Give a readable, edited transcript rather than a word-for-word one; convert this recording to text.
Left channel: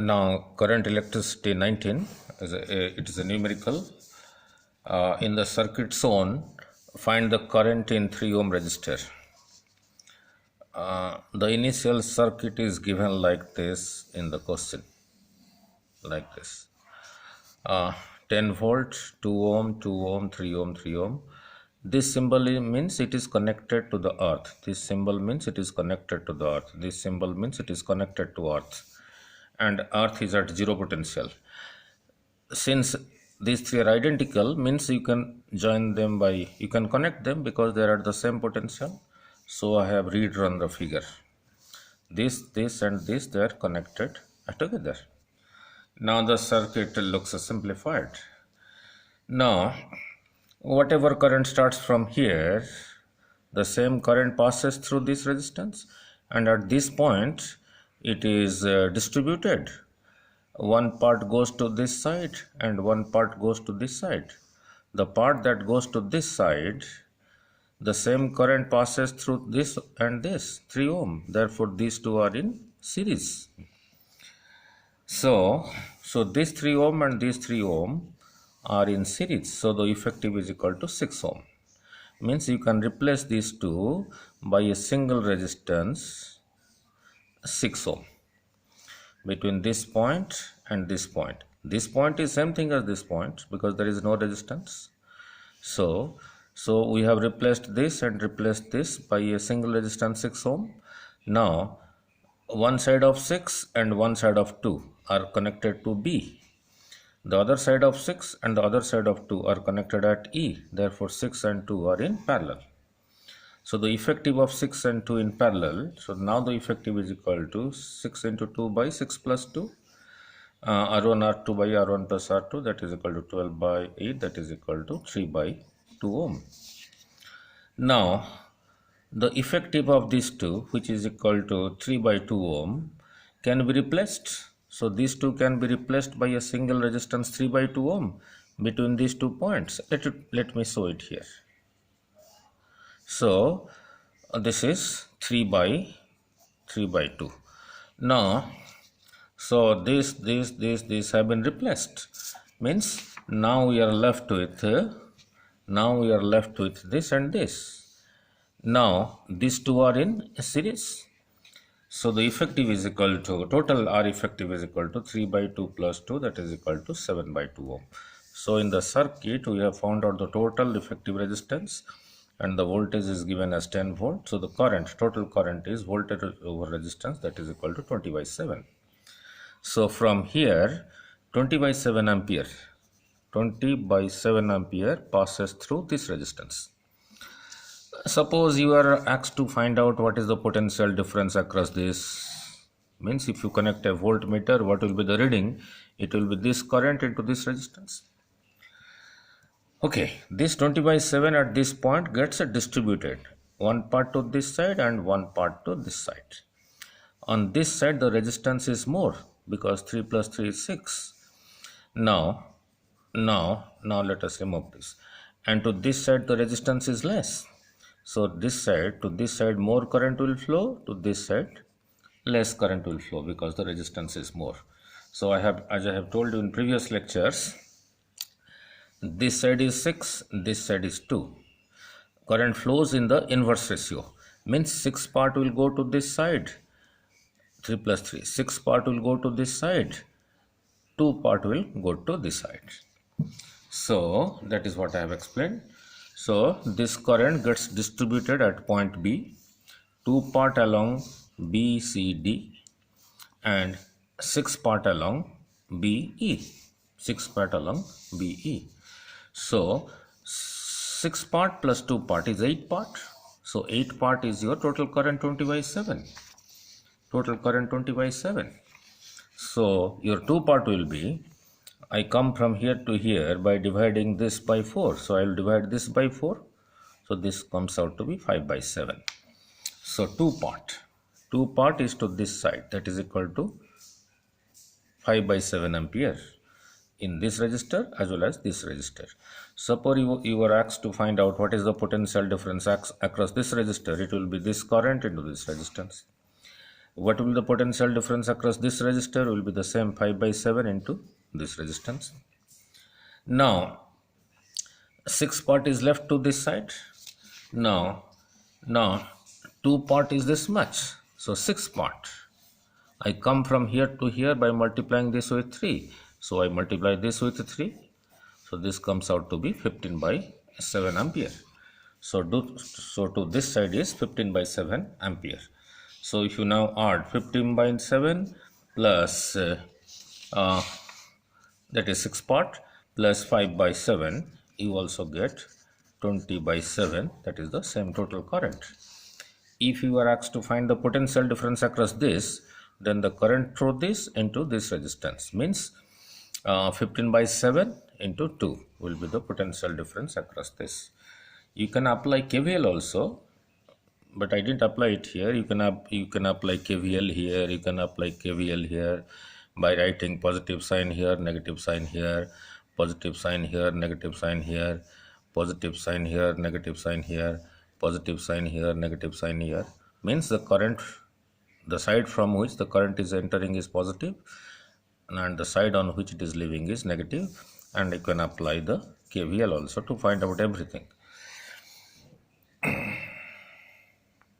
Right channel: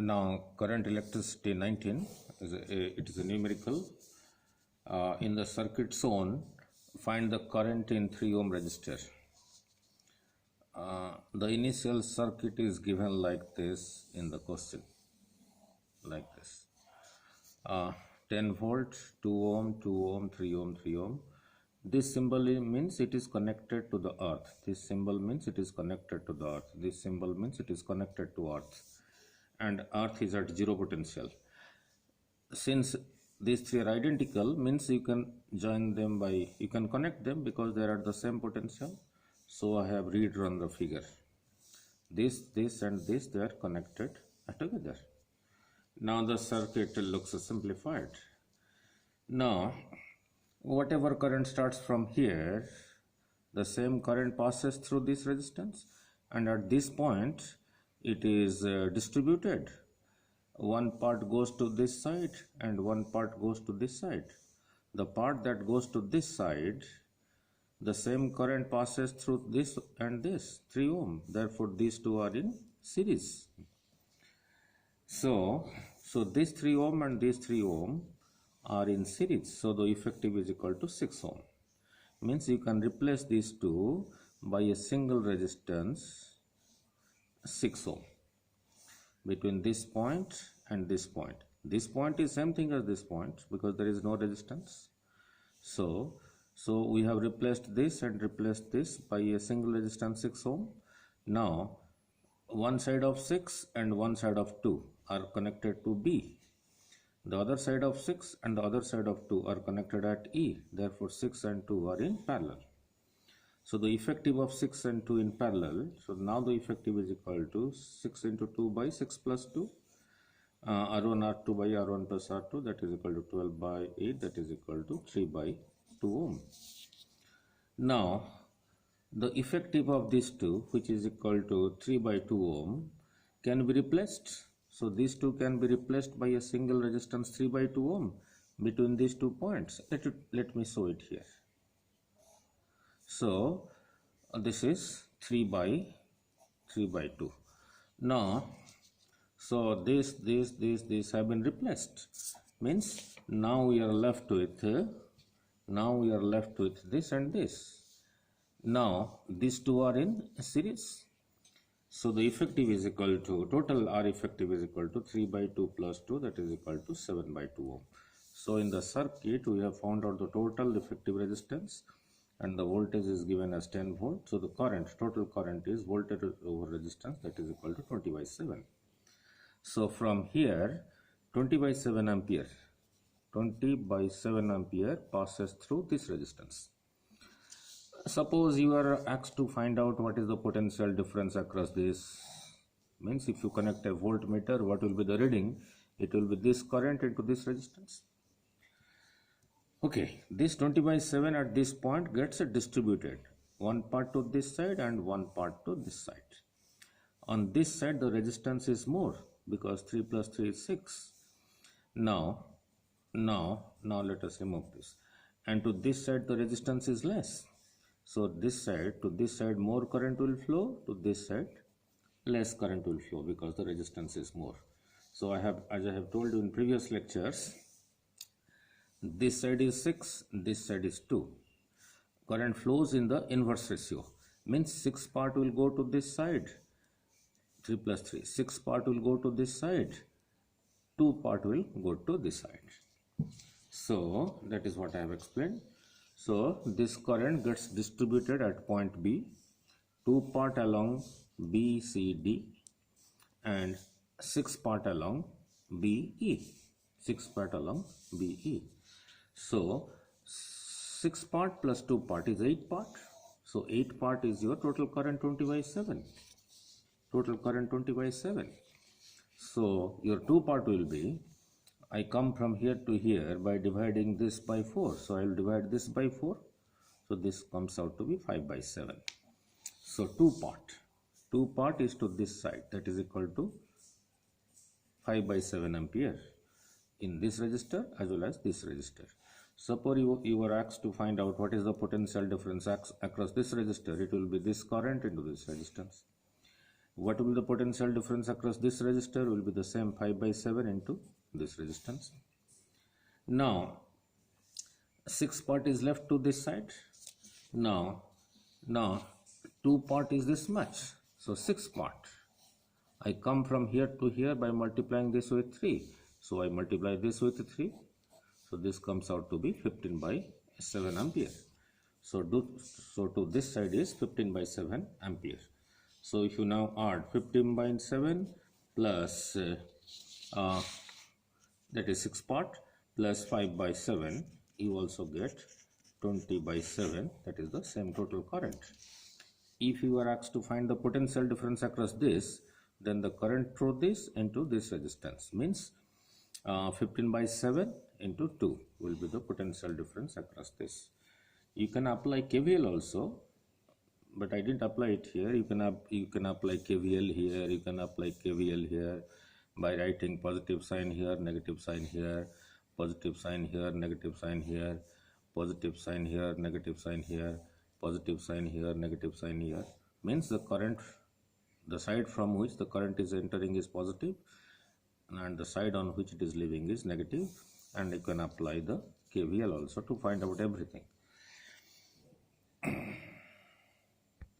Now current electricity 19 it is a numerical. In the circuit zone, find the current in 3 ohm resistor. The initial circuit is given like this in the question, like this. 10 volt, 2 ohm, 2 ohm, 3 ohm, 3 ohm. This symbol means it is connected to the earth. This symbol means it is connected to the earth. This symbol means it is connected to earth. And earth is at zero potential. Since these three are identical, means you can join them by, you can connect them because they are at the same potential. So I have redrawn the figure. This and this, they are connected together. Now the circuit looks simplified. Now whatever current starts from here, the same current passes through this resistance, and at this point it is distributed. One part goes to this side and one part goes to this side. The part that goes to this side, the same current passes through this and this, 3 ohm. Therefore these two are in series. So this 3 ohm and this 3 ohm are in series. So the effective is equal to 6 ohm. Means you can replace these two by a single resistance 6 ohm between this point and this point. This point is same thing as this point because there is no resistance. So we have replaced this and replaced this by a single resistance 6 ohm. Now one side of 6 and one side of 2 are connected to B. The other side of 6 and the other side of 2 are connected at E. Therefore 6 and 2 are in parallel. So the effective of 6 and 2 in parallel. So now the effective is equal to 6 into 2 by 6 plus 2. R1 R2 by R1 plus R2, that is equal to 12 by 8, that is equal to 3 by 2 ohm. Now the effective of these two, which is equal to 3 by 2 ohm, can be replaced. So these two can be replaced by a single resistance 3 by 2 ohm between these 2 points. Let me show it here. So this is 3 by 2. Now so this have been replaced. Means now we are left with this and this. Now these two are in series. So the effective is equal to, total R effective is equal to 3 by 2 plus 2, that is equal to 7 by 2 ohm. So in the circuit we have found out the total effective resistance and the voltage is given as 10 volt. So the current, total current is voltage over resistance, that is equal to 20 by 7. So from here 20 by 7 ampere passes through this resistance. Suppose you are asked to find out what is the potential difference across this. Means if you connect a voltmeter, what will be the reading? It will be this current into this resistance. Okay, this 20 by 7 at this point gets distributed. One part to this side and one part to this side. On this side the resistance is more because 3 plus 3 is 6. Now let us remove this. And to this side the resistance is less. So this side, to this side more current will flow, to this side less current will flow because the resistance is more. So as I have told you in previous lectures, this side is 6, this side is 2. Current flows in the inverse ratio. Means 6 part will go to this side, 3 plus 3. 6 part will go to this side, 2 part will go to this side. So that is what I have explained. So this current gets distributed at point B, 2 part along B, C, D and 6 part along B, E. 6 part along B, E. So 6 part plus 2 part is 8 part. So 8 part is your total current 20 by 7. Total current 20 by 7. So your 2 part will be, I come from here to here by dividing this by 4. So I will divide this by 4. So this comes out to be 5 by 7. So 2 part is to this side, that is equal to 5 by 7 ampere in this resistor as well as this resistor. Suppose you were asked to find out what is the potential difference across this resistor. It will be this current into this resistance. What will be the potential difference across this resistor? Will be the same 5 by 7 into this resistance. Now 6 part is left to this side. Now 2 part is this much, so 6 part. I come from here to here by multiplying this with 3. So I multiply this with 3. So this comes out to be 15 by 7 ampere. So to this side is 15 by 7 ampere. So if you now add 15 by 7 plus that is 6 part plus 5 by 7, you also get 20 by 7, that is the same total current. If you are asked to find the potential difference across this, then the current through this into this resistance means 15 by 7 into 2 will be the potential difference across this. You can apply KVL also, but I didn't apply it here. You can apply KVL here, you can apply KVL here by writing positive sign here, negative sign here, positive sign here, negative sign here, positive sign here, negative sign here, positive sign here, negative sign here. Means the current, the side from which the current is entering is positive and the side on which it is leaving is negative, and you can apply the KVL also to find out everything.